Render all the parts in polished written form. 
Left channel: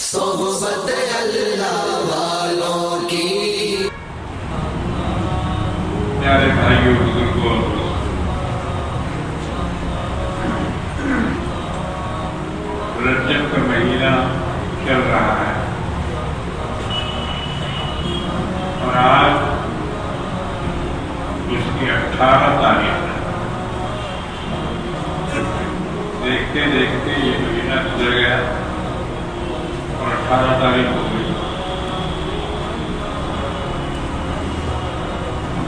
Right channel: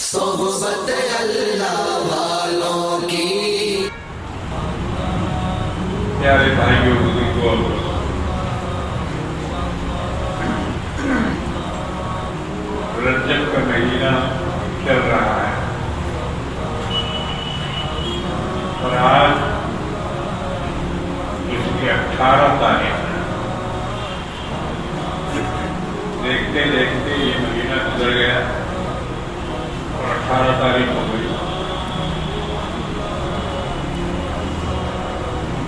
صحبت اللہ والوں کی۔ پیارے بھائیوں بزرگوں، رجب کا مہینہ چل رہا ہے اور آج اس کی 18 تاریخ ہے۔ دیکھتے دیکھتے یہ مہینہ گزر گیا اور 18 تاریخ ہو گئی۔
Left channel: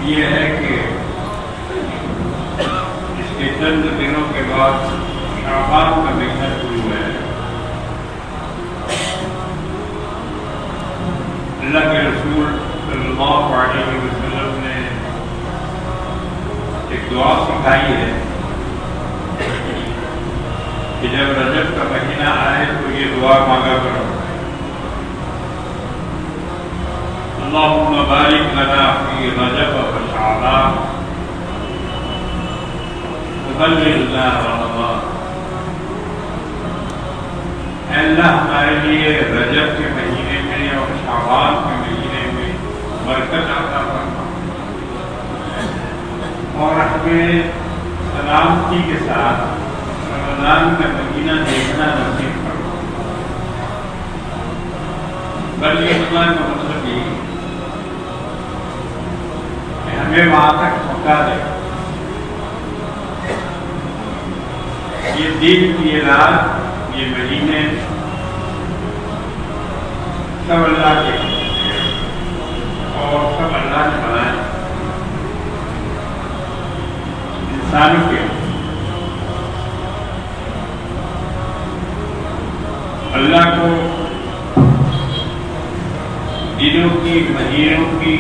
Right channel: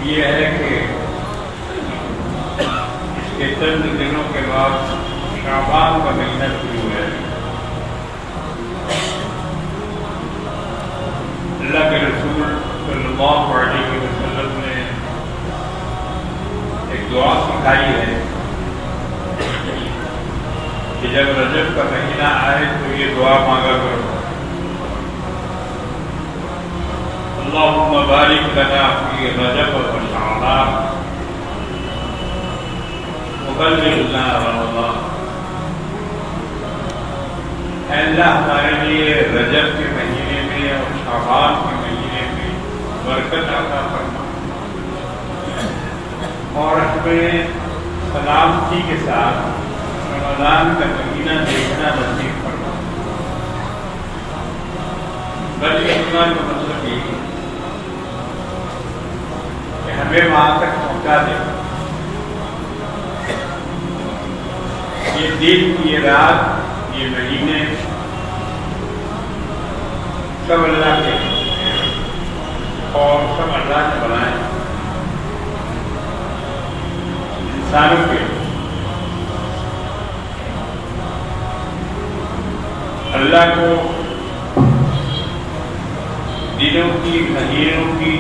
یہ ہے کہ اس کے چند دنوں کے بعد شعبان کا مہینہ شروع ہے۔ اللہ کے رسول صلی اللہ علیہ وسلم نے ایک دعا سکھائی ہے کہ جب رجب کا مہینہ آئے تو یہ دعا مانگا کرو، اللہم بارک لنا فی رجب و شعبان وبلغنا رمضان۔ اے اللہ ہمارے لیے رجب کے مہینے میں اور شعبان کے مہینے میں برکت عطا فرما اور ہمیں سلامتی کے ساتھ رمضان کا مہینہ دیکھنا نصیب فرما۔ بلغنا کا مطلب یہ کہ ہمیں وہاں تک پہنچا دے۔ یہ دن، یہ رات، یہ مہینے سب اللہ کے اور سب اللہ نے بنائے انسانوں کے۔ اللہ کو دنوں کی، مہینوں کی،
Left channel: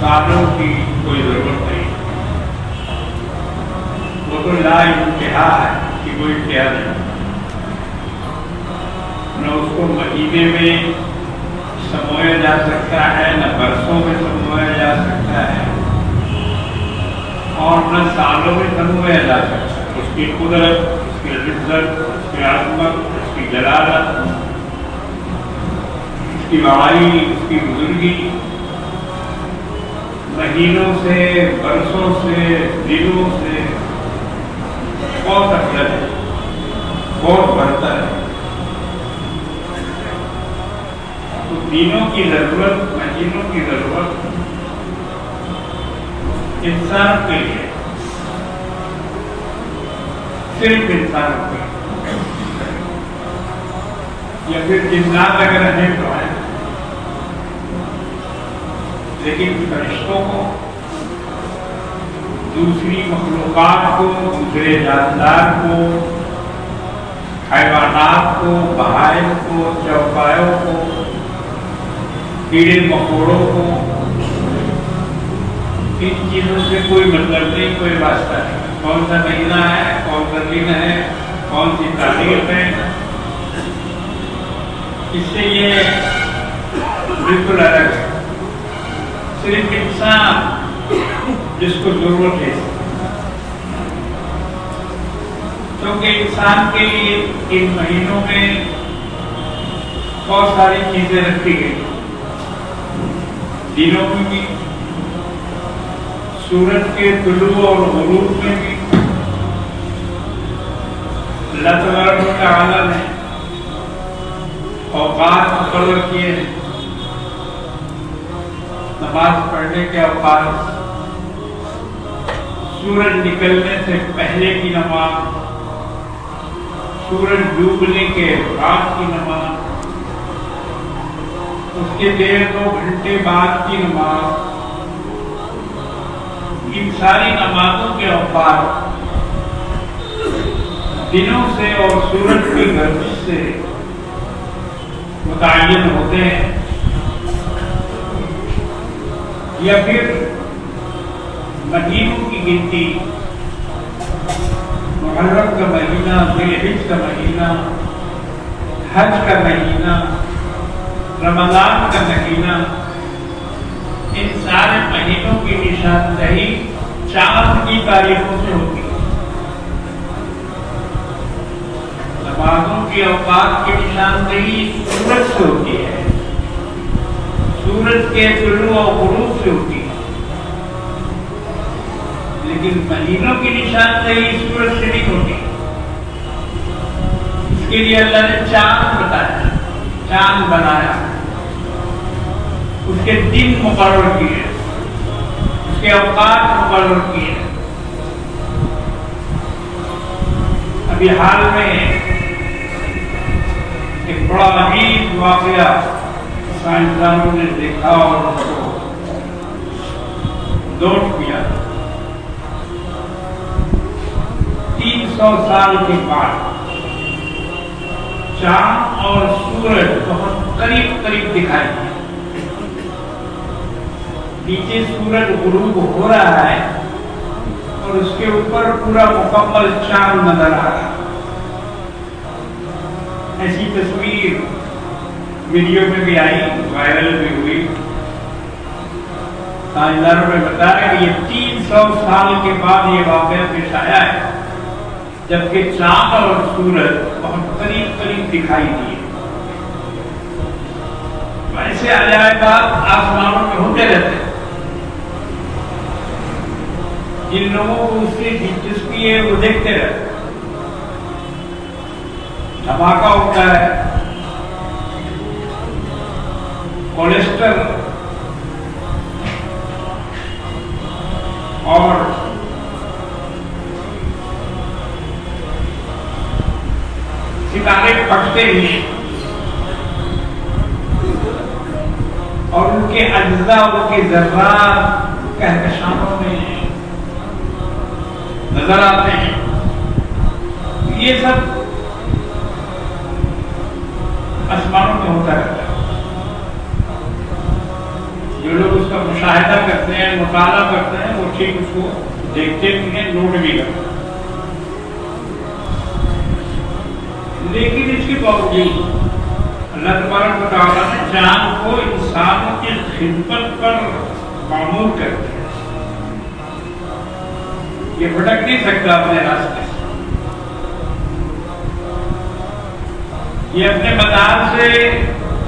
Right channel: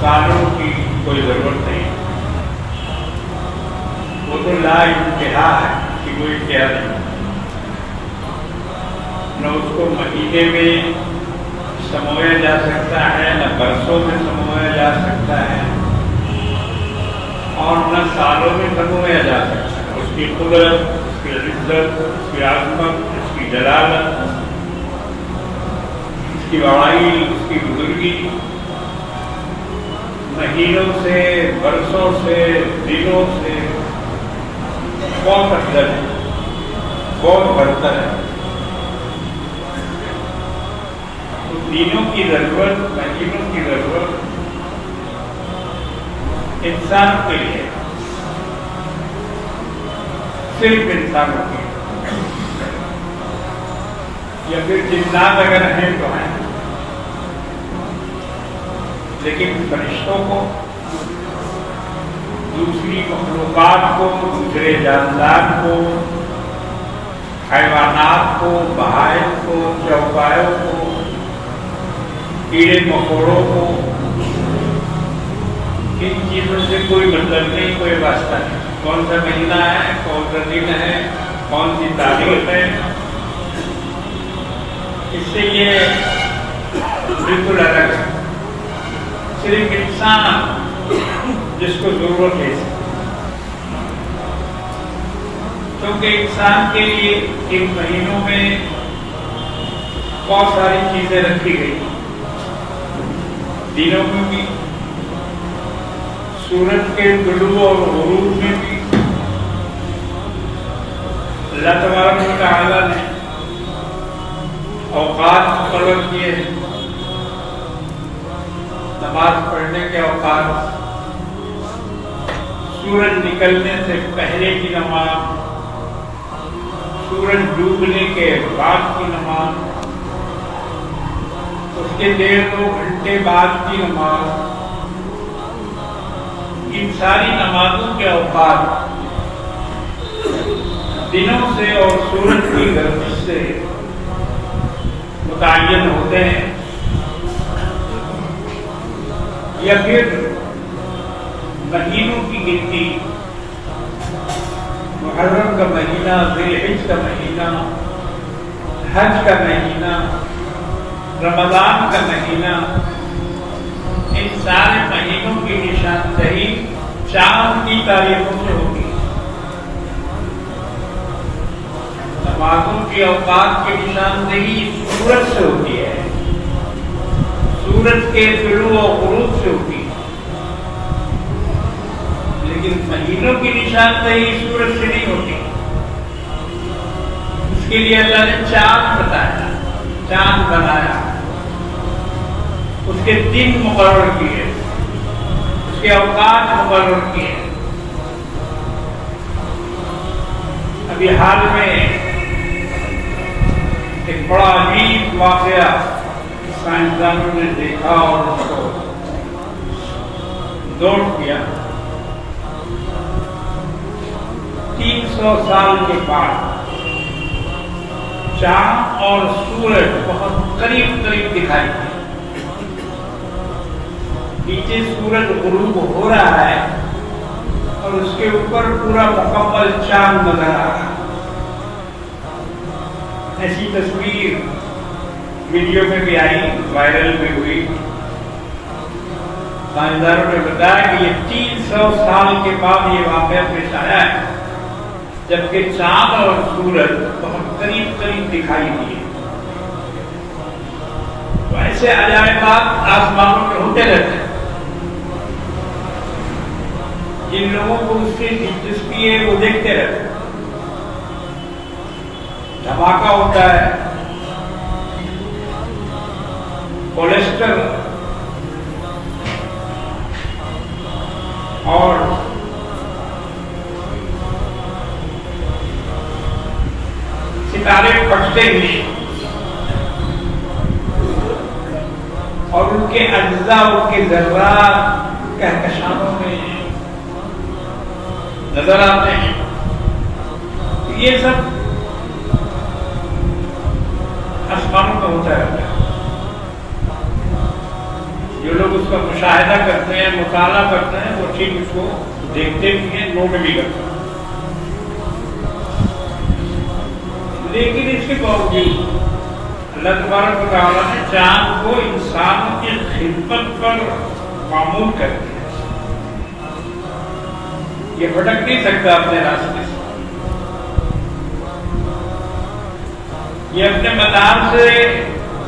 سالوں کی کوئی ضرورت نہیں۔ وہ تو لا انتہا ہے کہ کوئی انتہا نہیں۔ نہ اس کو مہینے میں سمویا جا سکتا ہے، نہ برسوں میں سمویا جا سکتا ہے، اور نہ سالوں میں سمویا جا سکتا ہے۔ اس کی قدرت، اس کی عزت، اس کی عظمت، اس کی جلالت، اس کی بڑائی، اس کی بزرگی مہینوں سے، برسوں سے، دنوں سے بہت افضل ہے، بہت برتر ہے۔ تو دنوں کی ضرورت، مہینوں کی ضرورت انسان کے لیے، صرف انسانوں کے لیے، یا پھر جنات اگر ہیں تو ہیں، لیکن فرشتوں کو، دوسری مخلوقات کو، دوسرے جاندار کو، حیوانات کو، بہائم کو، چوپایوں کو، کیڑے مکوڑوں کو، ان چیزوں سے کوئی مطلب نہیں، کوئی واسطہ نہیں۔ کون سا مہینہ ہے، کون سا دن ہے، کون سی تاریخ ہے، اس سے یہ بالکل الگ ہے۔ صرف انسان جس کو ضرورت ہے، کیونکہ انسان کے لیے ان مہینوں میں بہت ساری چیزیں رکھی گئی۔ دنوں میں بھی، سورج کے طلوع اور غروب میں بھی اللہ تبارک و تعالیٰ نے اوقات مقرر کیے ہیں۔ نماز پڑھنے کے اوقات، سورج نکلنے سے پہلے کی نماز، سورج ڈوبنے کے بعد کی نماز، اس کے 1.5-2 گھنٹے بعد کی نماز، ان ساری نمازوں کے اوقات دنوں سے اور سورج کی گردش سے متعین ہوتے ہیں، یا پھر مہینوں کی گنتی، محرم کا مہینہ، ذی الحجہ کا مہینہ، حج کا مہینہ، رمضان کا مہینہ، ان سارے مہینوں کی نشاندہی چاند کی تاریخوں سے ہوگی۔ نمازوں کی اوقات کی نشاندہی سورج سے ہوتی ہے، سورج کے طلوع و غروب سے ہوتی ہے، لیکن مہینوں کی نشاندہی سورج سے نہیں ہوتی۔ اس کے لیے اللہ نے چاند بتایا، چاند بنایا، اس کے دن مقرر کیے، اس کے اوقات مقرر کیے۔ ابھی حال میں ایک بڑا عجیب واقعہ سائنسدانوں نے دیکھا اور اس کو نوٹ کیا۔ 300 سال کے بعد چاند اور سورج بہت قریب قریب دکھائی دے، نیچے سورج غروب ہو رہا ہے اور اس کے اوپر پورا مکمل چاند نظر آ رہا ہے۔ ایسی تصویر ویڈیو میں بھی آئی، وائرل بھی ہوئی۔ سائنسدانوں نے بتایا کہ یہ 300 سال کے بعد یہ واقعہ پیش آیا ہے، جبکہ چاند اور سورج بہت قریب قریب دکھائی دیے۔ ایسے عجائبات آسمانوں میں ہوتے رہتے ہیں۔ جن لوگوں کو اس کی دلچسپی ہے وہ دیکھتے رہتے ہیں۔ دھماکہ ہوتا ہے، کولیسٹر اور ستارے پھٹتے ہیں اور ان کے اجزاء، ان کے ذرات کہکشاؤں میں نظر آتے ہیں۔ یہ سب آسمانوں میں ہوتا رہتا ہے۔ جو لوگ اس کا مشاہدہ کرتے ہیں، مطالعہ کرتے ہیں، وہ ٹھیک اس کو دیکھتے بھی ہیں، نوٹ بھی کرتے ہیں۔ لیکن اس کے باوجود اللہ تبارک و تعالیٰ نے چاند کو انسان کی خدمت پر معمور کر دیا۔ یہ بھٹک نہیں سکتا اپنے راستے سے، یہ اپنے مدار سے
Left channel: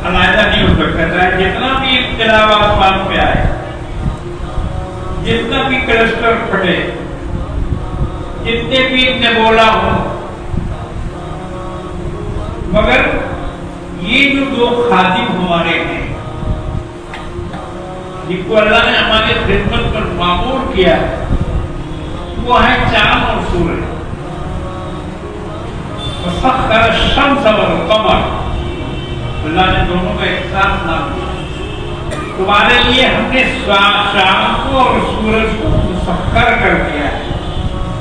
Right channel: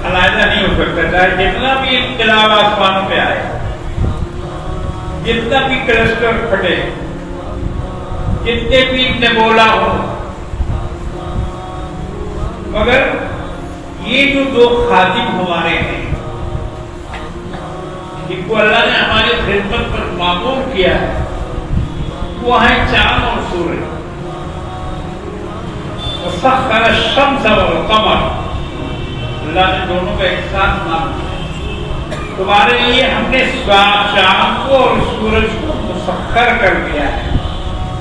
علیحدہ نہیں ہو سکتا ہے۔ جتنا بھی انقلاب آسمان پہ آئے، جتنا بھی کلسٹر پھٹے، جتنے بھی نیبولا ہوں، مگر یہ جو دو خادم ہمارے ہیں، جن کو اللہ نے ہماری خدمت پر معمور کیا ہے، وہ ہے چاند اور سورج۔ وسخر الشمس والقمر، اللہ نے دونوں کا ایک ساتھ نام دیا۔ تمہارے لیے ہم نے چاند کو اور سورج کو مسخر کر دیا ہے،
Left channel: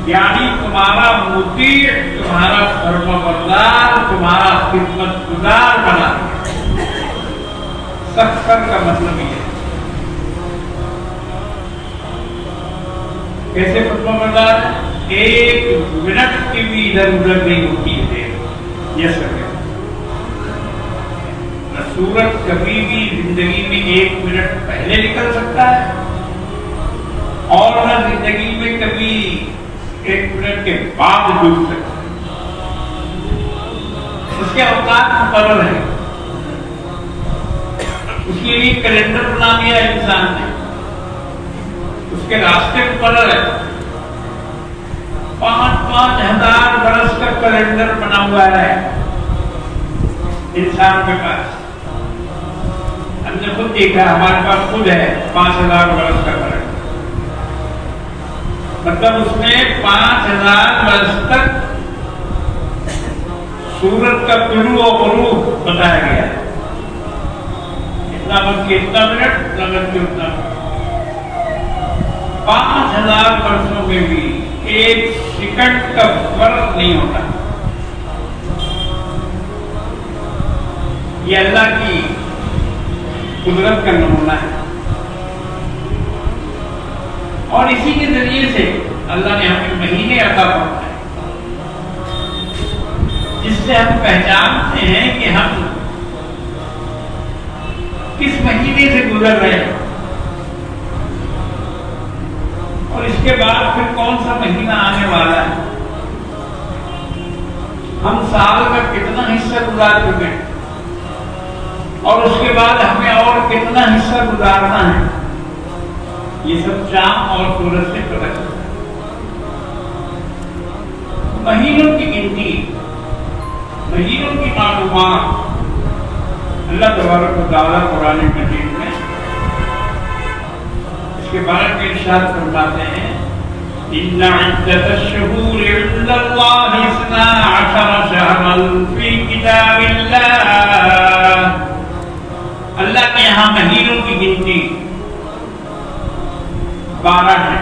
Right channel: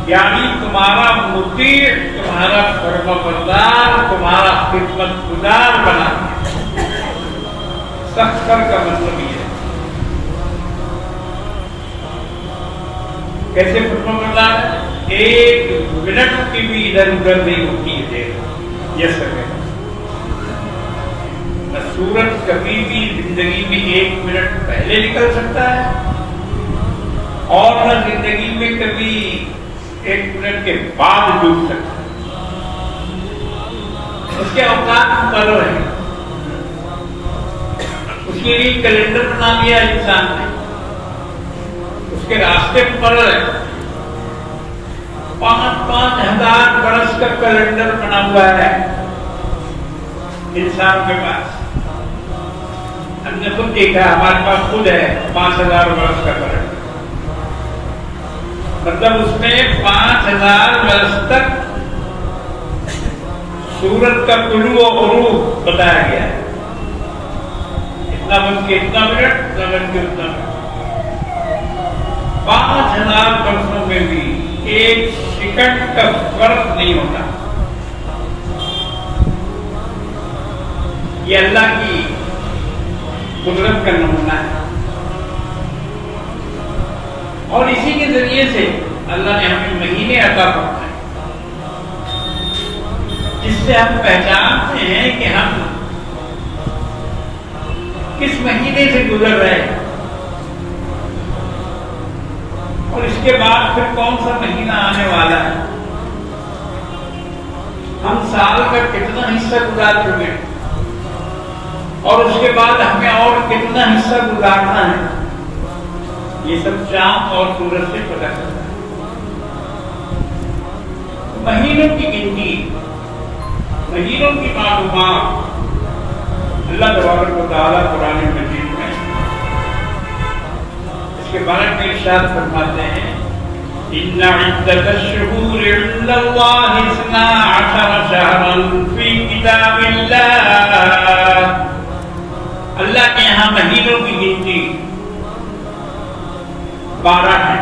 یعنی تمہارا مطیع، تمہارا فرمانبردار، تمہارا خدمت گزار بنا دیا۔ سخر کا مطلب یہ ہے کیسے فرمانبردار؟ ایک منٹ کی بھی ادھر ادھر نہیں ہوتی ہے یہ سب۔ نہ سورج کبھی بھی زندگی میں 1 منٹ پہلے نکل سکتا ہے اور نہ زندگی میں کبھی 1 منٹ کے بعد ڈوب سکتا ہے۔ اس کے اوقات مقرر ہیں، اس کے لیے کیلنڈر بنا دیا انسان نے، اس کے راستے مقرر ہے۔ 5,000 برس کا کیلنڈر بنا ہوا ہے انسان کے پاس۔ ہم نے خود دیکھا، ہمارے پاس خود ہے 5,000 برس کا کیلنڈر۔ مطلب اس میں 5,000 برس تک سورج کا طلوع و غروب بتایا گیا ہے۔ اتنا بج کے اتنا منٹ، اتنا بج کے اتنا منٹ۔ 5,000 برسوں میں بھی 1 سیکنڈ کا فرق نہیں ہوتا۔ یہ اللہ کی قدرت کا نمونہ ہے، اور اسی کے ذریعے سے اللہ نے ہمیں مہینے عطا فرمائے، جس سے ہم پہچانتے ہیں کہ ہم کس مہینے سے گزر رہے ہیں، اور اس کے بعد پھر کون سا مہینہ آنے والا ہے۔ ہم سال کا کتنا حصہ گزار چکے ہیں اور اس کے بعد ہمیں اور کتنا حصہ گزارنا ہے، یہ سب چاند اور سورج سے پتہ چلتا ہے۔ مہینوں کی گنتی، مہینوں کی معلومات اللہ تبارک و تعالیٰ قرآن مجید میں اس کے بارے میں ارشاد فرماتے ہیں، إن عدة الشهور عند الله 12 شهرا في كتاب الله۔ اللہ کے یہاں مہینوں کی گنتی 12 ہے۔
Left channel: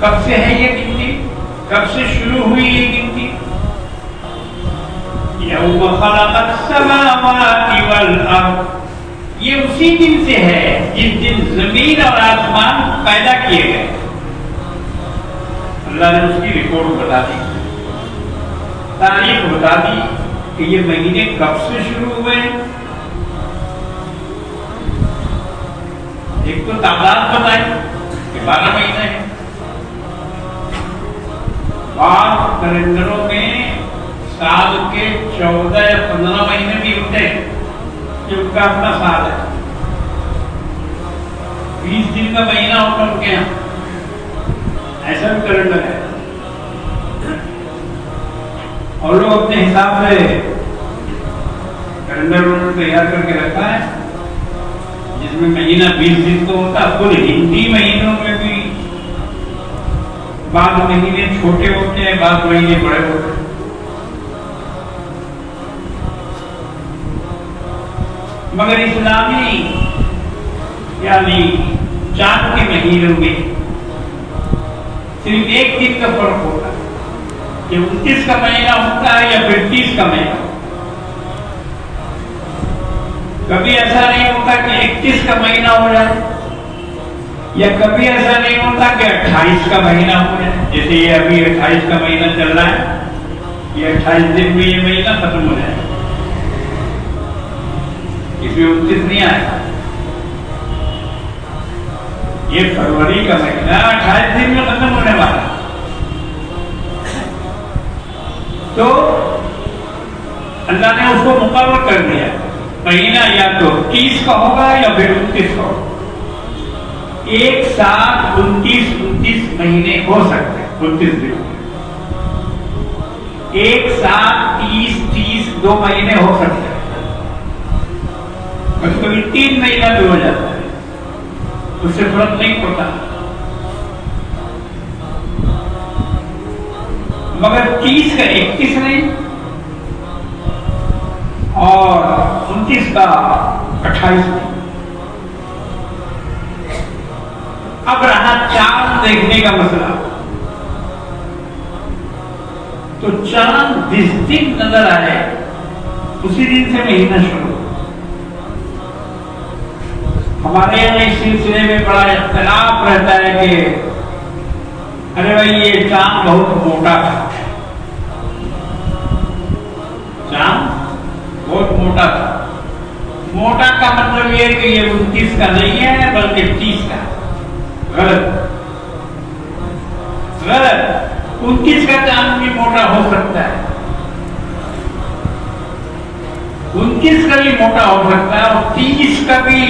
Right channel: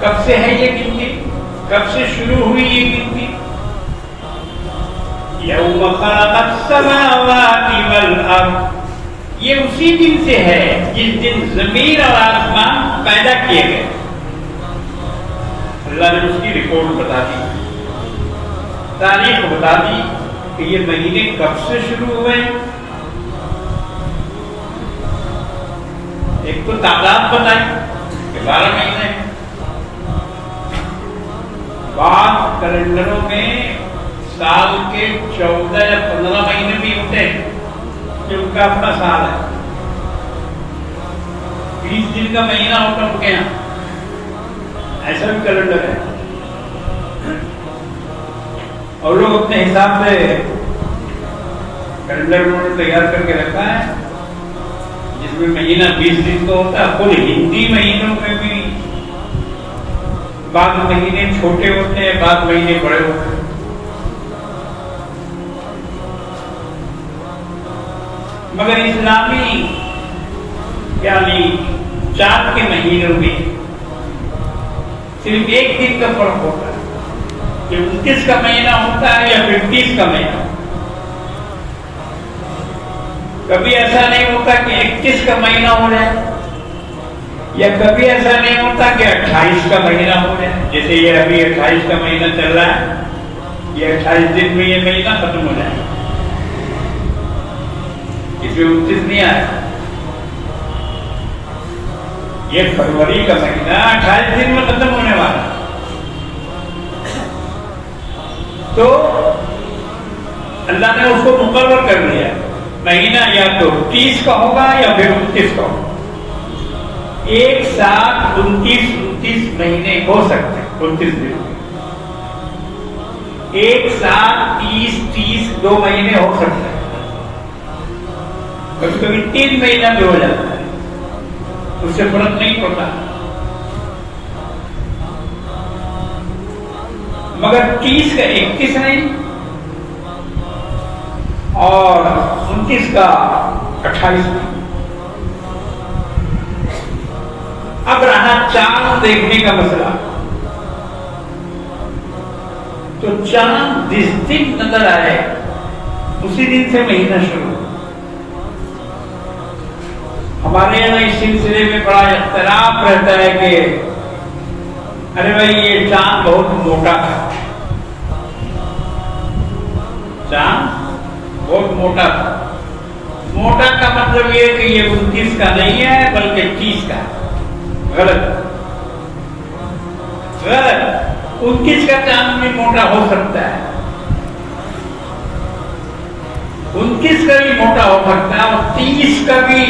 کب سے ہے یہ گنتی؟ کب سے شروع ہوئی یہ گنتی؟ یوم خلق السماوات والارض، یہ اسی دن سے ہے جس دن زمین اور آسمان پیدا کیے گئے۔ اللہ نے اس کی رپورٹ بتا دی، تاریخ بتا دی کہ یہ مہینے کب سے شروع ہوئے۔ ایک تو تعداد بتائی کہ 12 مہینے، بعض کیلنڈروں میں سال کے 14 یا 15 مہینے بھی ہوتے ہیں کہ ان کا اپنا سال ہے، 20 دن کا مہینہ ہوتا ان کے یہاں، ایسا بھی کیلنڈر ہے۔ اور لوگ اپنے حساب سے کیلنڈر تیار کر کے رکھا ہے جس میں مہینہ 20 دن کا ہوتا ہے۔ خود ہندی مہینوں میں بھی بعض مہینے چھوٹے ہوتے ہیں، بعض مہینے بڑے ہوتے ہیں۔ مگر اسلامی یعنی چاند کے مہینوں میں صرف ایک دن کا فرق ہوتا ہے کہ 29 کا مہینہ ہوتا ہے یا پھر 30 کا مہینہ۔ کبھی ایسا نہیں ہوتا کہ 21 کا مہینہ ہو جائے، یا کبھی ایسا نہیں ہوتا کہ 28 کا مہینہ ہو جائے، جیسے یہ ابھی 28 کا مہینہ چل رہا ہے، یہ 28 دن میں یہ مہینہ ختم ہو جائے گا، اس میں 29 نہیں آئے گا۔ یہ فروری کا مہینہ 28 دن میں ختم ہونے والا ہے، تو اللہ نے اس کو مقرر کر دیا مہینہ یا تو 30 کا ہوگا یا پھر 29 کا ہوگا۔ ایک ساتھ 29 مہینے ہو سکتے ہیں، 29 دن ایک ساتھ 30 2 مہینے ہو سکتے ہیں، کبھی کبھی 3 مہینہ بھی ہو جاتا ہے، اس سے فرق نہیں پڑتا۔ مگر 30 کا 31 نہیں اور 29 کا 28 نہیں۔ اب رہا چاند دیکھنے کا مسئلہ، تو چاند جس دن نظر آئے اسی دن سے مہینہ شروع۔ ہمارے یہاں اس سلسلے میں بڑا اختلاف رہتا ہے کہ ارے بھائی یہ چاند بہت موٹا تھا، چاند بہت موٹا تھا۔ موٹا کا مطلب یہ کہ یہ 29 کا نہیں ہے بلکہ 30 کا ہے۔ غلط، غلط۔ 29 کا چاند بھی موٹا ہو سکتا ہے، 29 کا بھی موٹا ہو سکتا ہے اور 30 کا بھی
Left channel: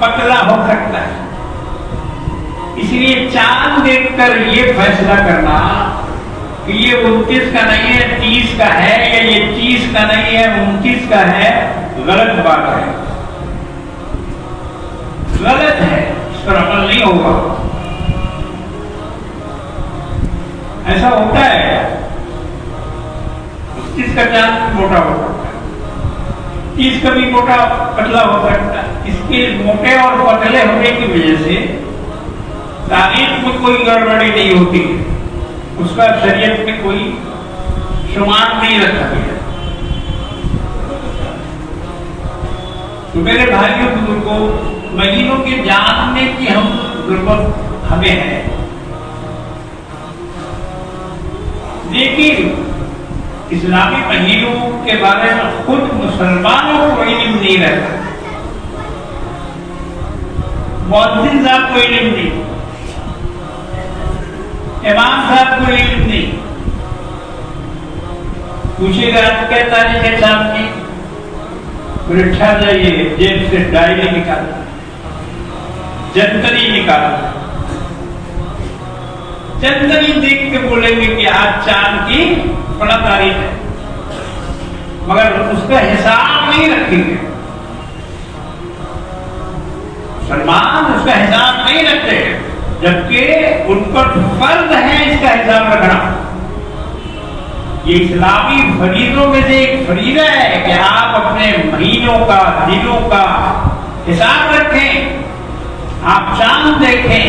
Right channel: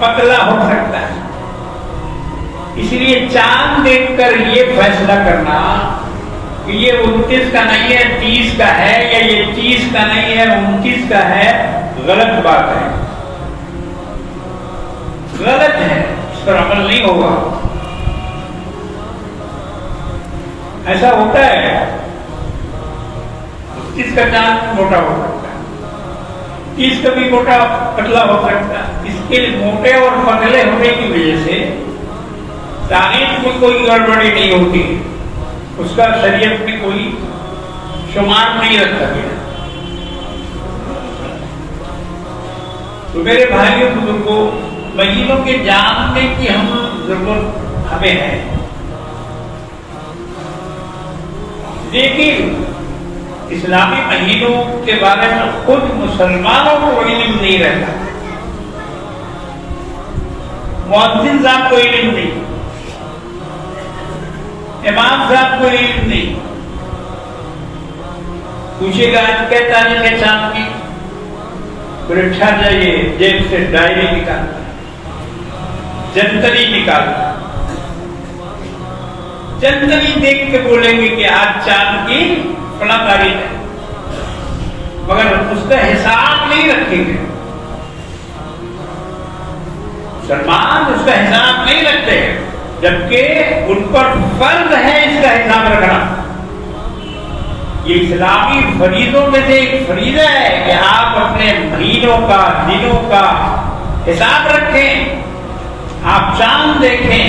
پتلا ہو سکتا ہے۔ اس لیے چاند دیکھ کر یہ فیصلہ کرنا کہ یہ 29 کا نہیں ہے 30 کا ہے، یا یہ 30 کا نہیں ہے 29 کا ہے، غلط بات ہے، غلط ہے، اس پر عمل نہیں ہوگا۔ ایسا ہوتا ہے 29 کا چاند موٹا ہو سکتا ہے، 30 کا بھی موٹا پتلا ہو سکتا ہے۔ اس کے موٹے اور پتلے ہونے کی وجہ سے تاریخ میں کوئی گڑبڑی نہیں ہوتی، اس کا شریعت میں کوئی شمار نہیں رکھا گیا۔ تو میرے بھائیوں بزرگوں، مہینوں کے جاننے کی ہم ضرورت ہمیں ہے، لیکن اسلامی مہینوں کے بارے میں خود مسلمانوں کو علم نہیں رہتا، مؤذن صاحب کو علم نہیں، امام صاحب کو علم نہیں. پوچھے گا آج کیا تاریخ ہے چاند کی؟ پھر اچھا جائیے جیب سے ڈائری نکال جنتری نکال جنتری دیکھ کے بولیں گے کہ آج چاند کی فلاں تاریخ ہے، مگر اس کا حساب نہیں رکھیں گے. مسلمان اس کا حساب نہیں رکھتے، جبکہ ان پر فرض ہے اس کا حساب رکھنا. یہ اسلامی فریضوں میں سے ایک فریضہ ہے کہ آپ اپنے مہینوں کا دنوں کا حساب رکھیں. آپ چاند دیکھیں،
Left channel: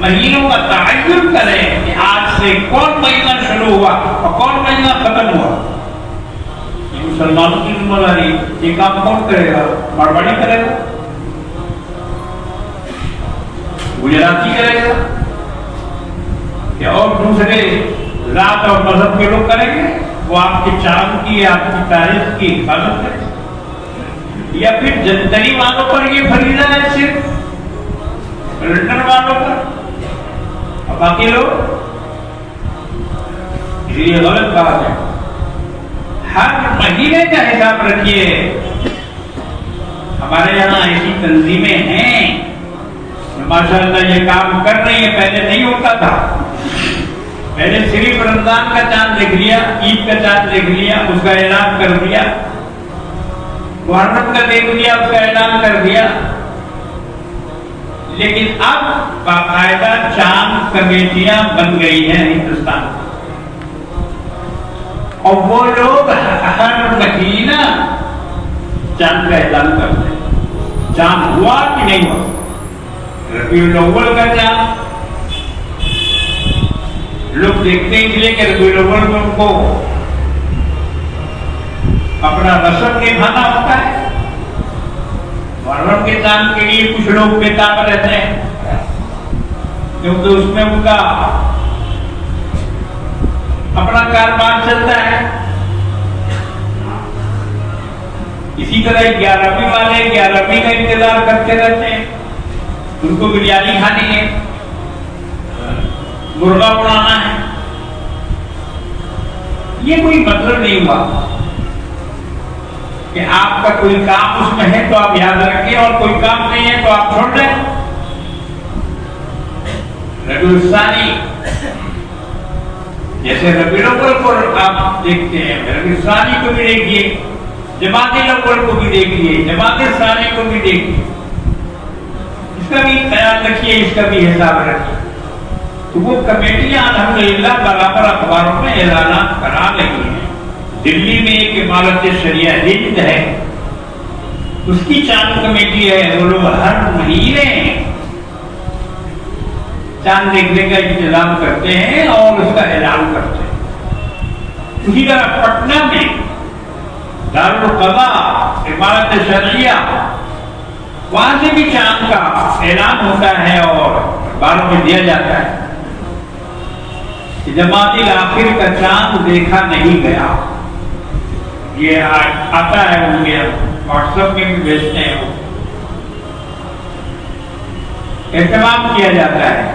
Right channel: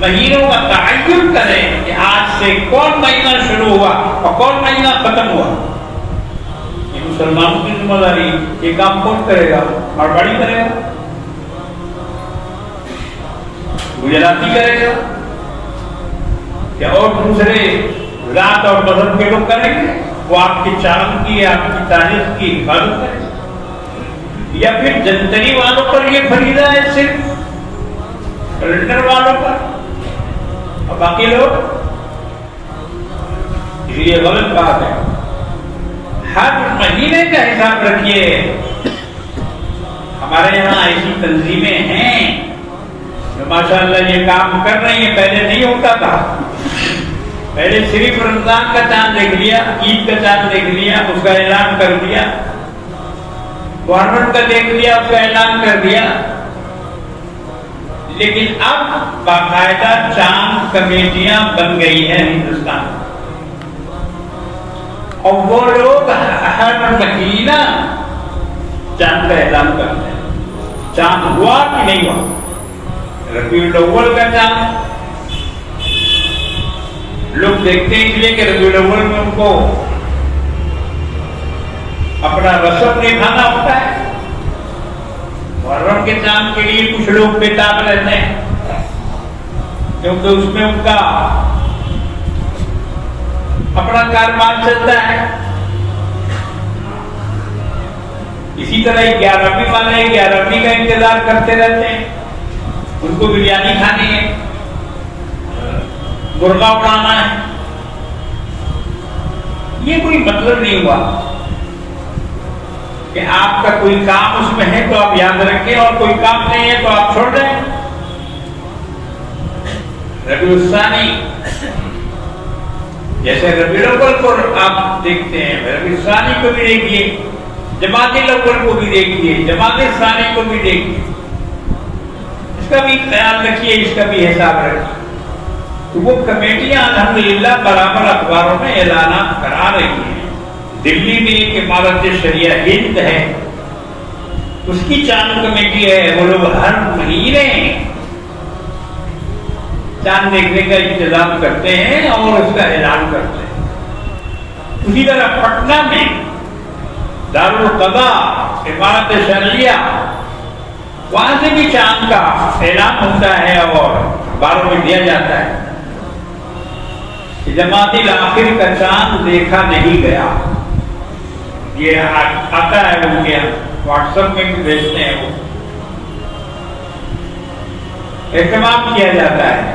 مہینوں کا تعین کریں کہ آج سے کون مہینہ شروع ہوا اور کون مہینہ ختم ہوا. یہ مسلمانوں کی ذمہ داری. یہ کام کون کرے گا؟ مارواڑی کرے گا؟ گجراتی کرے گا؟ کیا اور دوسرے ذات اور مذہب کے لوگ کریں گے؟ وہ آپ کے چاند کی آپ کی تاریخ کی حفاظت کریں، یا پھر جنتری والوں پر یہ فریضہ ہے صرف کیلنڈر والوں پر اور باقی لوگ؟ یہ غلط بات ہے. ہر مہینے کا حساب رکھیے. ہمارے یہاں ایسی تنظیمیں ہیں جو ماشاءاللہ یہ کام کر رہی ہیں. پہلے نہیں ہوتا تھا. پہلے صرف رمضان کا چاند دیکھ لیا، عید کا چاند دیکھ لیا، اس کا اعلان کر دیا، محرم کا دیکھ لیا، اس کا اعلان کر دیا. لیکن اب باقاعدہ چاند کمیٹیاں بن گئی ہیں ہندوستان میں، اور وہ لوگ ہر مہینہ چاند کا اعلان کرتے ہیں. چاند ہوا کہ نہیں ہوا؟ ربیع الاول کا چاند لوگ دیکھتے ہیں اس لیے کہ ربیع الاول میں ان کو اپنا رسم نبھانا ہوتا ہے. محرم کے چاند کے لیے کچھ لوگ بےتاب رہتے ہیں کیونکہ اس میں ان کا اپنا کاروبار چلتا ہے. اسی طرح 11ویں والے 11ویں کا انتظار کرتے رہتے ہیں. ان کو بریانی کھانی ہے، مرغا اڑانا ہے. یہ کوئی مطلب نہیں ہوا کہ آپ کا کوئی کام اس میں ہے تو آپ یاد رکھیں اور کوئی کام نہیں ہے تو آپ چھوڑ دیں. ربیع الثانی جیسے ربیع الاول کو آپ دیکھتے ہیں، ربیع الثانی کو بھی دیکھیے، جمادی الاول کو بھی دیکھیے، جمادی الثانی کو بھی دیکھیے. اس کا بھی خیال رکھیے، اس کا بھی حساب رکھیے. تو وہ کمیٹیاں الحمدللہ برابر اخباروں میں اعلانات کرا رہی ہیں. دلی میں ایک عمارت شریعہ ہند ہے، اس کی چاند کمیٹی ہے. وہ لوگ ہر مہینے چاند دیکھنے کا انتظام کرتے ہیں اور اس کا اعلان کرتے ہیں. اسی طرح پٹنہ میں دارالقضاء عمارت شریعہ، وہاں سے بھی چاند کا اعلان ہوتا ہے اور اخباروں میں دیا جاتا ہے. جمادی الاخر کا چاند دیکھا نہیں گیا. یہ آتا ہے ان کے واٹس ایپ میں بھی بھیجتے ہیں. وہ اہتمام کیا جاتا ہے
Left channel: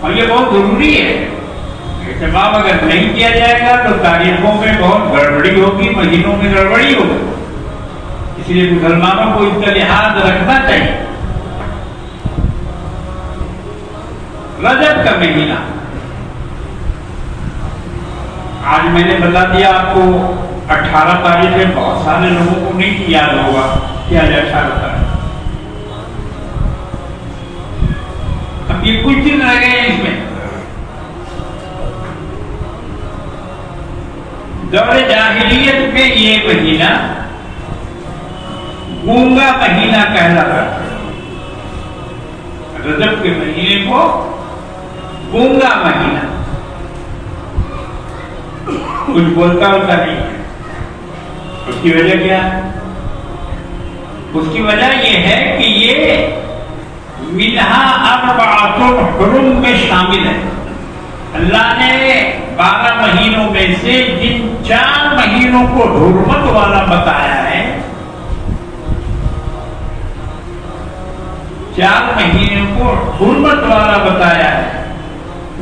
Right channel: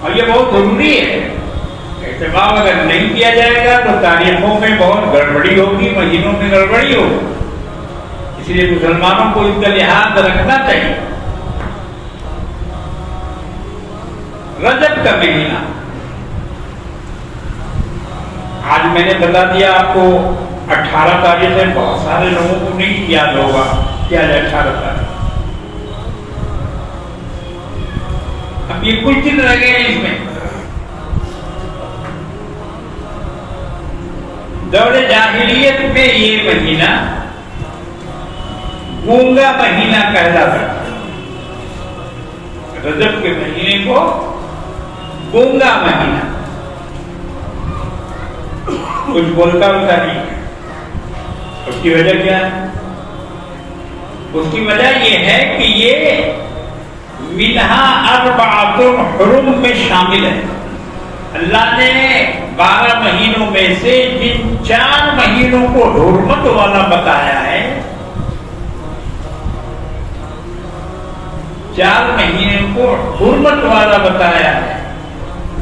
اور یہ بہت ضروری ہے. اہتمام اگر نہیں کیا جائے گا تو تاریخوں میں بہت گڑبڑی ہوگی، مہینوں میں گڑبڑی ہوگی. اس لیے مسلمانوں کو اس کا لحاظ رکھنا چاہیے. رجب کا مہینہ آج میں نے بتا دیا آپ کو 18 تاریخ ہے. بہت سارے لوگوں کو نہیں یاد ہوگا کیا ہے 18 تاریخ. اب یہ کچھ دن رہ گئے ہیں اس میں. دور جاہلیت میں یہ مہینہ گونگا مہینہ کہلاتا ہے. رجب کے مہینے کو گونگا مہینہ، کچھ بولتا ہوتا نہیں. اس کی وجہ کیا ہے؟ اس کی وجہ یہ ہے کہ یہ منہا اربعۃ حرم میں شامل ہے. اللہ نے 12 مہینوں میں سے جن 4 مہینوں کو حرمت والا بتایا ہے، 4 مہینوں کو حرمت والا بتایا ہے،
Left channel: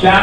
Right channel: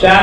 4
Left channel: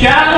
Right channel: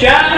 4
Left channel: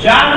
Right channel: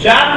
4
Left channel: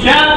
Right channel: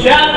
4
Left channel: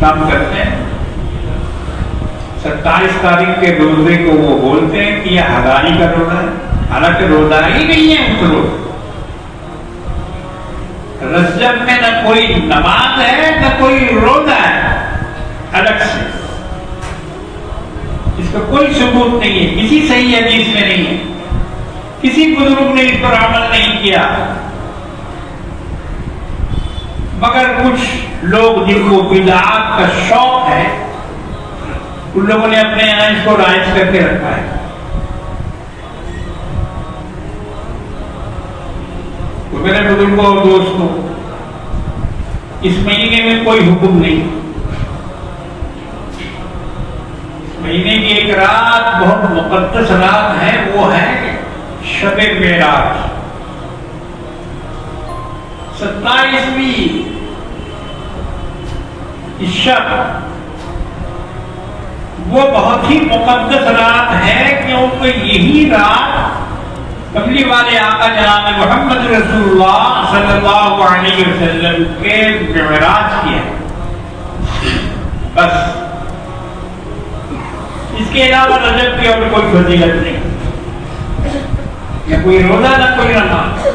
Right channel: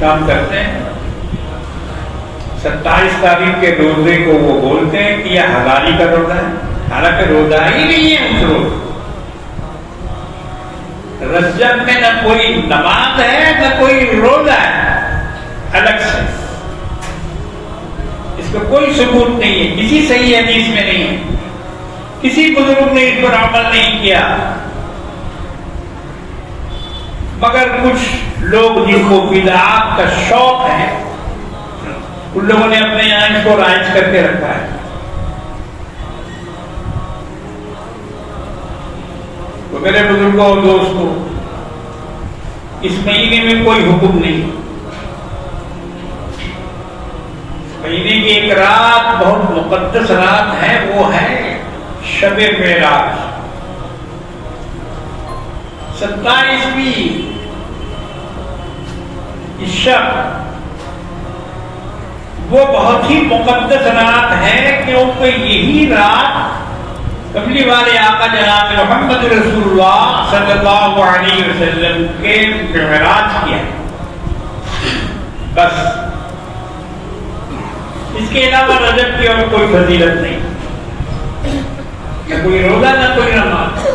کام کرتے ہیں. 27 تاریخ کے روزے کو وہ بولتے ہیں کہ یہ ہزاری کا روزہ ہے، حالانکہ روزہ ہی نہیں ہے اس روز. رجب میں نہ کوئی نماز ہے نہ کوئی روزہ ہے الگ سے، اس کا کوئی ثبوت نہیں ہے، کسی صحیح حدیث میں نہیں ہے، کسی بزرگ نے اس پر عمل نہیں کیا. مگر کچھ لوگ جن کو بدعات کا شوق ہے ان لوگوں نے اپنے یہاں اس کو رائج کر کے رکھا ہے. تو میرے بزرگوں اور دوستوں، اس مہینے میں کوئی حکم نہیں. اس مہینے کی ایک رات بہت مقدس رات ہے، وہ ہے شب معراج. 27ویں شب وہ بہت ہی مقدس رات ہے، کیونکہ یہی رات کملی والے آقا جناب محمد رسول اللہ صلی اللہ علیہ وسلم کے معراج کی ہے. بس اس کے علاوہ رجب کی اور کوئی فضیلت نہیں، نہ کوئی روزہ نہ کوئی نماز.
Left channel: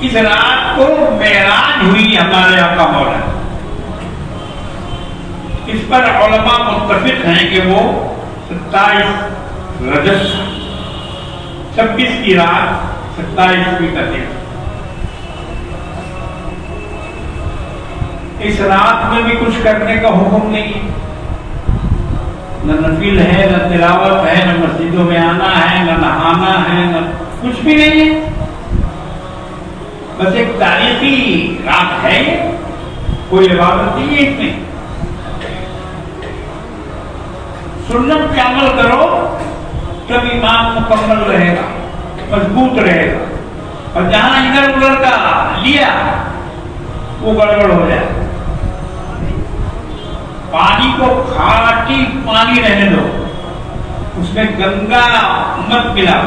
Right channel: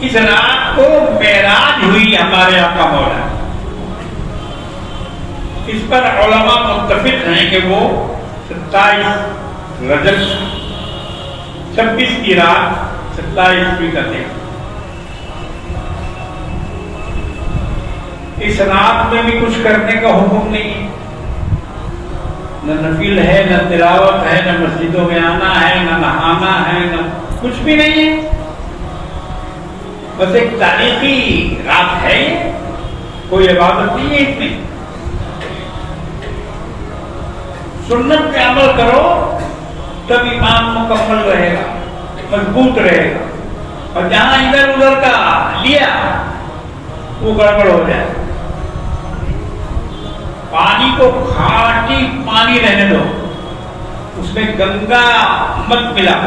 اس رات کو معراج ہوئی ہمارے آقا مولا. اس پر علماء متفق ہیں کہ وہ 27 رجب 26 کی رات 27ویں کا دن. اس رات میں بھی کچھ کرنے کا حکم نہیں، نہ نفل ہے نہ تلاوت ہے نہ مسجدوں میں آنا ہے نہ نہانا ہے نہ کچھ بھی نہیں ہے. بس ایک تاریخی رات ہے، کوئی عبادت نہیں ہے. اس میں سنت پہ عمل کرو تب ایمان مکمل رہے گا، مضبوط رہے گا. اور جہاں ادھر ادھر کا لیا وہ گڑبڑ ہو جائے. پانی کو کھاٹی پانی رہنے دو، اس میں گنگا مت ملا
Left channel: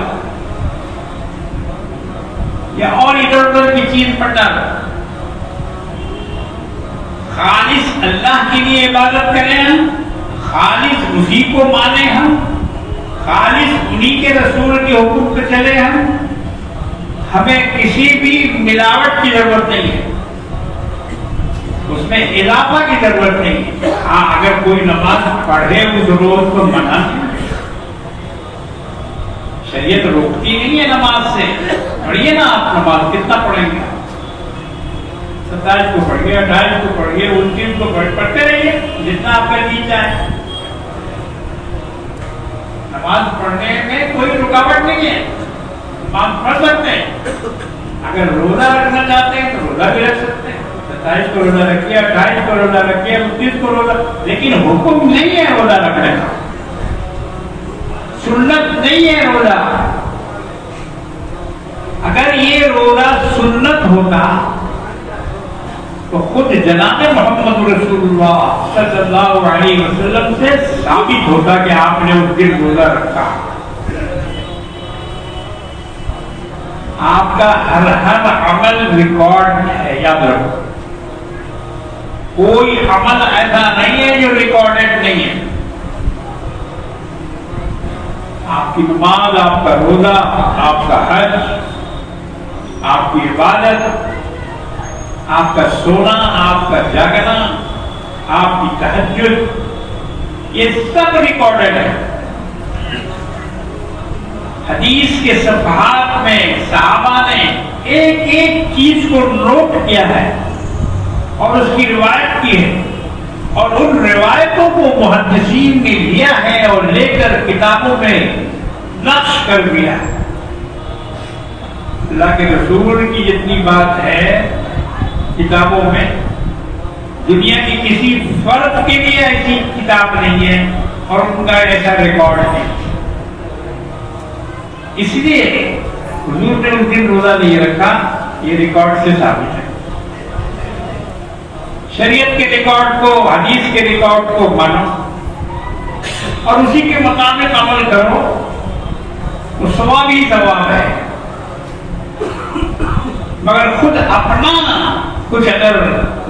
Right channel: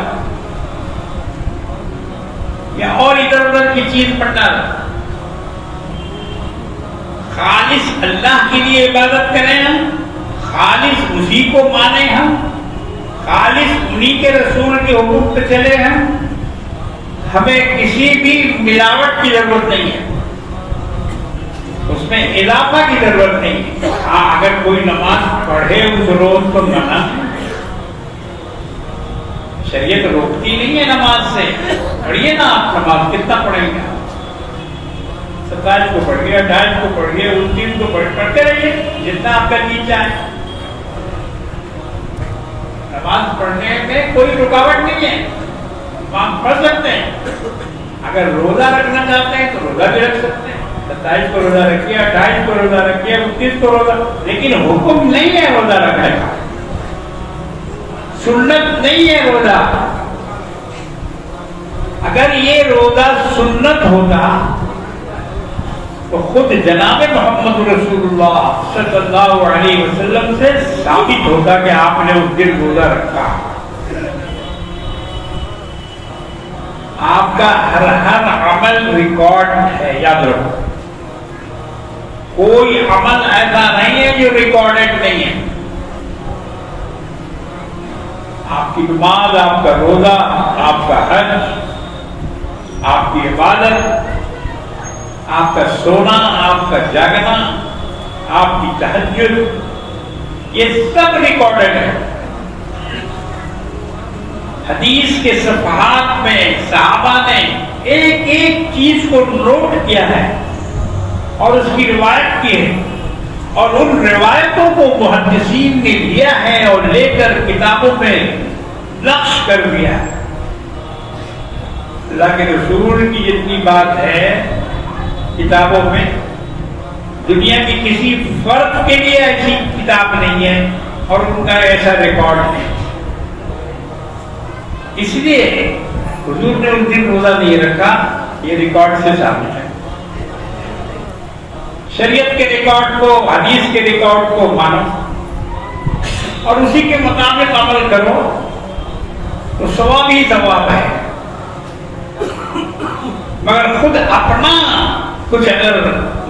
یا اور ادھر ادھر کی چیز پٹا. خالص اللہ کے لیے عبادت کریں ہم، خالص اسی کو مانیں ہم، خالص انہی کے رسول کے حکم پہ چلے ہم. ہمیں کسی بھی ملاوٹ کی ضرورت نہیں ہے، اس میں اضافہ کی ضرورت نہیں. ہاں اگر کوئی نماز پڑھے اس روز تو منع ہے، شریعت روکتی نہیں ہے نماز سے. پڑھیے نا آپ نماز، کتنا پڑھیں گے؟ 27 کو پڑھیے، 28 کو پڑھیے، 29 کو پڑھتے رہیے جتنا آپ کا جی چاہے. نماز پڑھنے میں کوئی رکاوٹ نہیں ہے، نماز پڑھ سکتے ہیں. اگر روزہ رکھنا چاہتے ہیں تو روزہ بھی رکھ سکتے ہیں. 27 کو روزہ رکھیے، 28 کو روزہ رکھیے، 29 کو روزہ، لیکن حکم نہیں ہے روزہ رکھنے کا، سنت نہیں ہے روزہ. اگر یہ روزہ سنت ہوتا تو خود جناب محمد رسول اللہ صلی اللہ علیہ وسلم سے ثابت ہوتا کہ آپ نے اس دن روزہ رکھا. آپ کا ہر عمل ریکارڈ ہے، یاد رکھو. کوئی عمل ایسا نہیں ہے جو ریکارڈڈ نہیں ہے. آپ کی نماز، آپ کا روزہ، آپ کا حج، آپ کی عبادت، آپ کا سونا، آپ کا جاگنا، آپ کی تہجد، یہ سب ریکارڈڈ ہے. حدیث کے صفحات میں صحابہ نے ایک ایک چیز کو نوٹ کیا ہے اور اس کی روایت کی ہے، اور ان روایتوں کو محدثین نے لیا ہے اور لے کر کتابوں میں نقش کر دیا ہے. اللہ کے رسول کی جتنی بات ہے کتابوں میں، دنیا کی کسی فرد کے لیے ایسی کتاب نہیں ہے اور ان کا ایسا ریکارڈ ہے. اس لیے حضور نے اس دن روزہ نہیں رکھا، یہ ریکارڈ سے ثابت ہے. شریعت کے ریکارڈ کو، حدیث کے ریکارڈ کو مانو اور اسی کے مطابق عمل کرو تو ثواب ہی ثواب ہے. مگر خود اپنا کچھ اگر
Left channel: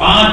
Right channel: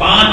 5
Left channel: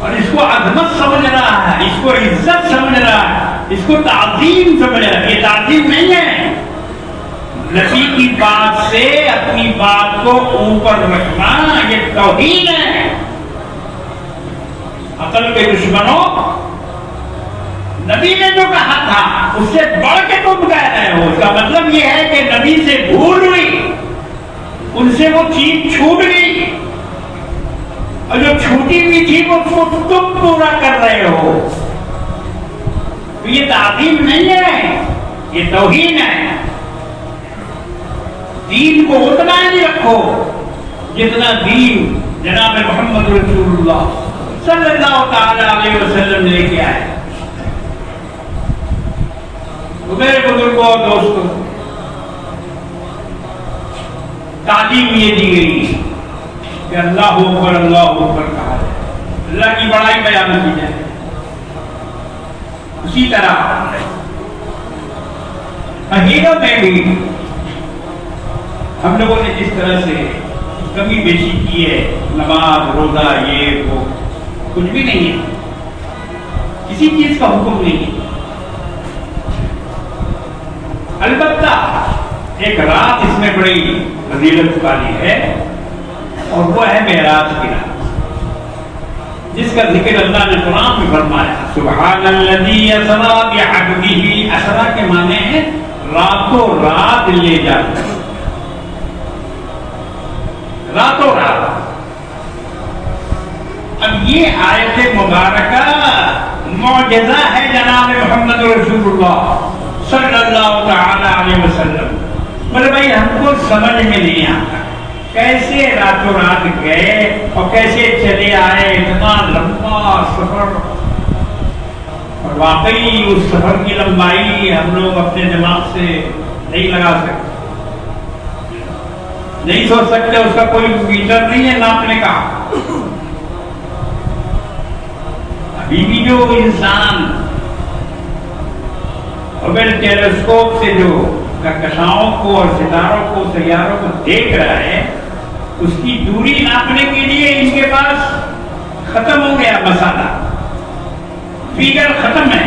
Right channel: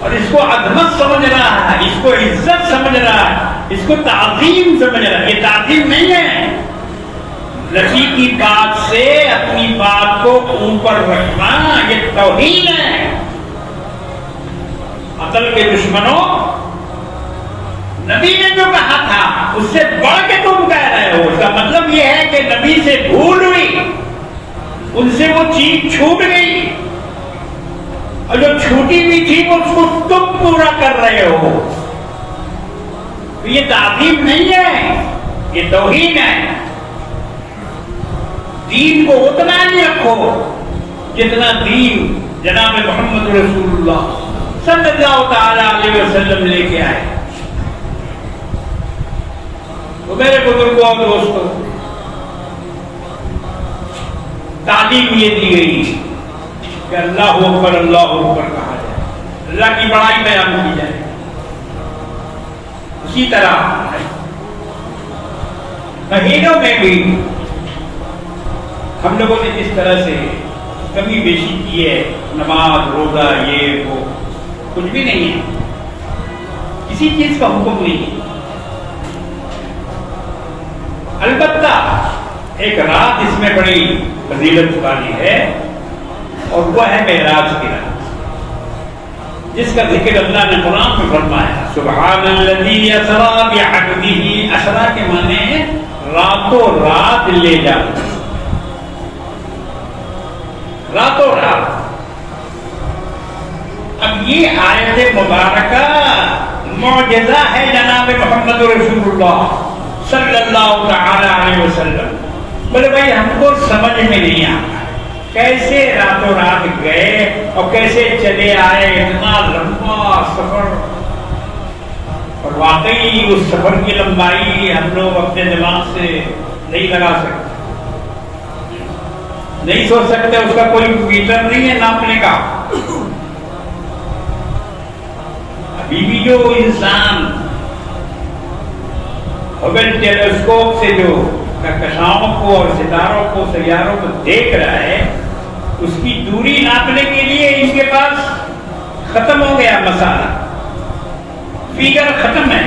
اور اس کو عظمت سمجھ رہا ہے، اس کو عزت سمجھ رہا ہے، اس کو تعظیم سمجھ رہا ہے. یہ تعظیم نہیں ہے. نبی کی بات سے اپنی بات کو اوپر رکھنا یہ توہین ہے. عقل کے دشمنوں، نبی نے جو کہا تھا اس سے بڑھ کے تم کہہ رہے ہو. اس کا مطلب یہ ہے کہ نبی سے بھول ہوئی، ان سے وہ چیز چھوٹ گئی، اور جو چھوٹی ہوئی تھی وہ اس کو تم پورا کر رہے ہو. یہ تعظیم نہیں ہے، یہ توہین ہے. دین کو اتنا ہی رکھو جتنا دین جناب محمد رسول اللہ صلی اللہ تعالی علیہ وسلم لے کے آئے. میرے بزرگوں اور دوستوں، تعلیم یہ دی گئی کہ اللہ اکبر کہا جائے، اللہ کی بڑائی بیان کی جائے. اسی طرح مہینوں میں بھی ہم لوگوں نے جس طرح سے کمی بیشی کی ہے، نماز روزہ یہ وہ کچھ بھی نہیں ہے، کسی چیز کا حکم نہیں ہے. البتہ ایک رات اس میں بڑی فضیلت والی ہے، اور وہ ہے معراج کی رات، جس کا ذکر اللہ نے قرآن میں فرمایا. سبحان الذی اسریٰ بعبدہ. اسریٰ کے معنی ہے راتوں رات لے جاتا، راتوں رات. اب یہ آیت مبارکہ معجزہ ہے جناب محمد رسول اللہ صلی اللہ تعالی علیہ وسلم. بولے بھائی ہم کو سمجھ میں نہیں آتا کیسے راتوں رات گئے اور کیسے چلے آئے، اتنا لمبا سفر. اور واقعی اس سفر کی لمبائی ہم لوگ اپنے دماغ سے نہیں لگا سکتے، نہیں سوچ سکتے. اس کا کوئی میٹر نہیں ہے ناپنے کا. ابھی بھی جو انسان ہبل ٹیلیسکوپ سے جو کہکشاؤں کو اور ستاروں کو سیاروں کو دیکھ رہا ہے، اس کی دوری ناپنے کے لیے ان کے پاس ختم ہو گیا مسالہ، فیگر ختم ہے.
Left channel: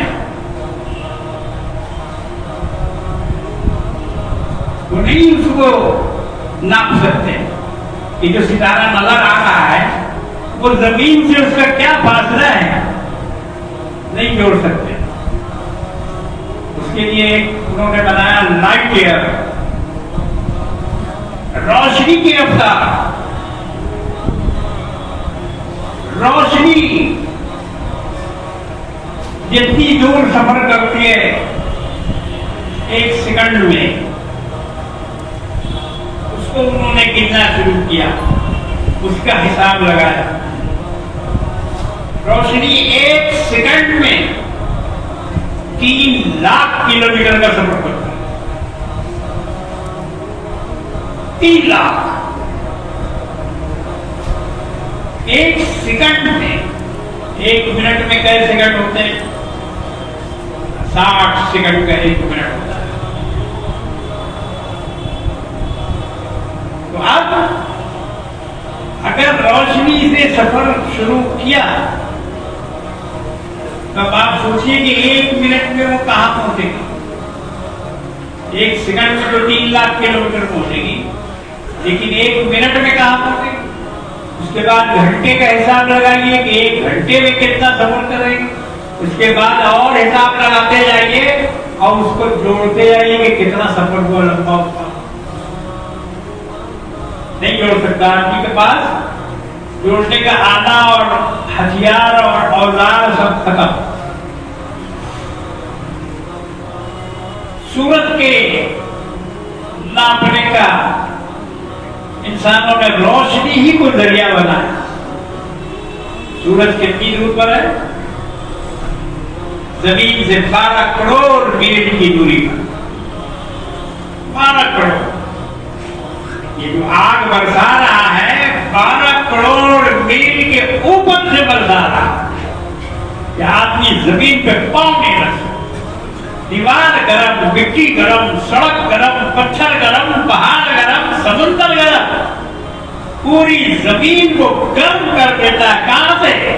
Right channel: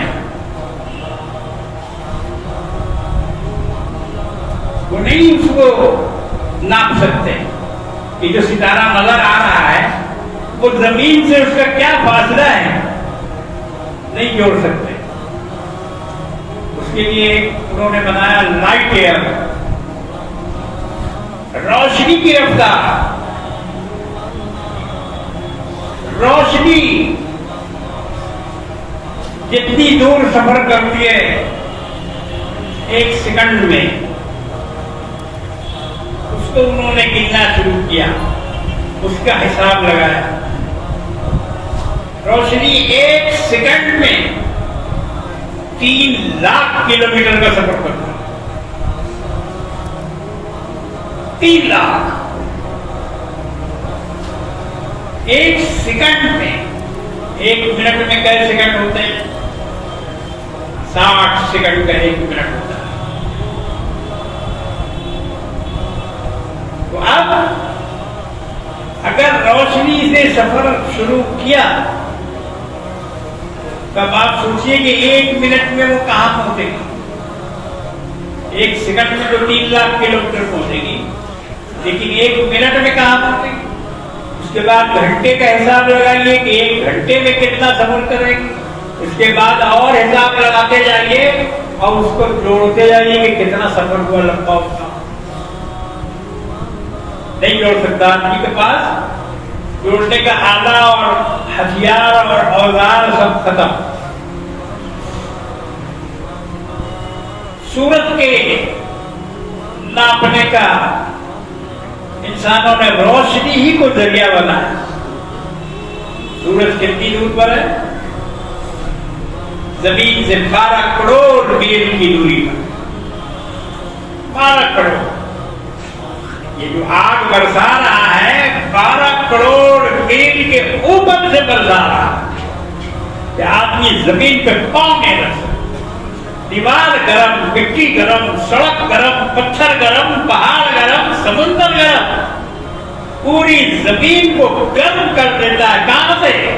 وہ نہیں اس کو ناپ سکتے کہ جو ستارہ نظر آ رہا ہے وہ زمین سے اس کا کیا فاصلہ ہے، نہیں جوڑ سکتے. اس کے لیے انہوں نے بنایا لائٹ ایئر، روشنی کی رفتار. روشنی جتنی دور سفر کرتی ہے ایک سیکنڈ میں، اس کو انہوں نے گننا شروع کیا، اس کا حساب لگایا. روشنی ایک سیکنڈ میں 3 لاکھ کلومیٹر کا سفر کرتا ہے. 3 لاکھ ایک سیکنڈ میں. ایک منٹ میں کئی سیکنڈ ہوتے ہیں؟ 60 سیکنڈ کا ایک منٹ ہوتا ہے. تو اب اگر روشنی سے سفر شروع کیا تو آپ سوچیے کہ ایک منٹ میں وہ کہاں پہنچے گی. ایک سیکنڈ میں تو 3 لاکھ کلومیٹر پہنچے گی، لیکن ایک منٹ میں کہاں پہنچے گی. اس کے بعد گھنٹے کا حساب لگائیے کہ ایک گھنٹے میں کتنا سفر کرے گی. اس کے بعد اور حساب لگاتے جائیے اور اس کو جوڑتے جائیے کہ کتنا سفر ہوا لمبا ہوتا. نہیں جوڑ سکتا آدمی کے پاس جوڑنے کا آلہ اور ہتھیار اور اوزار سب ختم. سورج کے ناپنے کا انسانوں نے روشنی ہی کو ذریعہ بنایا. سورج کتنی دور پر ہے؟ زمین سے 12 کروڑ میل کی دوری پر. 12 کروڑ. یہ جو آگ برسا رہا ہے 12 کروڑ میل کے اوپر سے برسا رہا ہے کہ آدمی زمین پہ پاؤں نہیں رکھ سکتا. دیوار گرم، مٹی گرم، سڑک گرم، پتھر گرم، پہاڑ گرم، سمندر گرم، پوری زمین کو گرم کر دیتا ہے. کہاں سے؟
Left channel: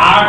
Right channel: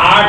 8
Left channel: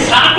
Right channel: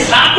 7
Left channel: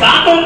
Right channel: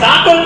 7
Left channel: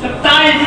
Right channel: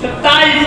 27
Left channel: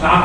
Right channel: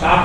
7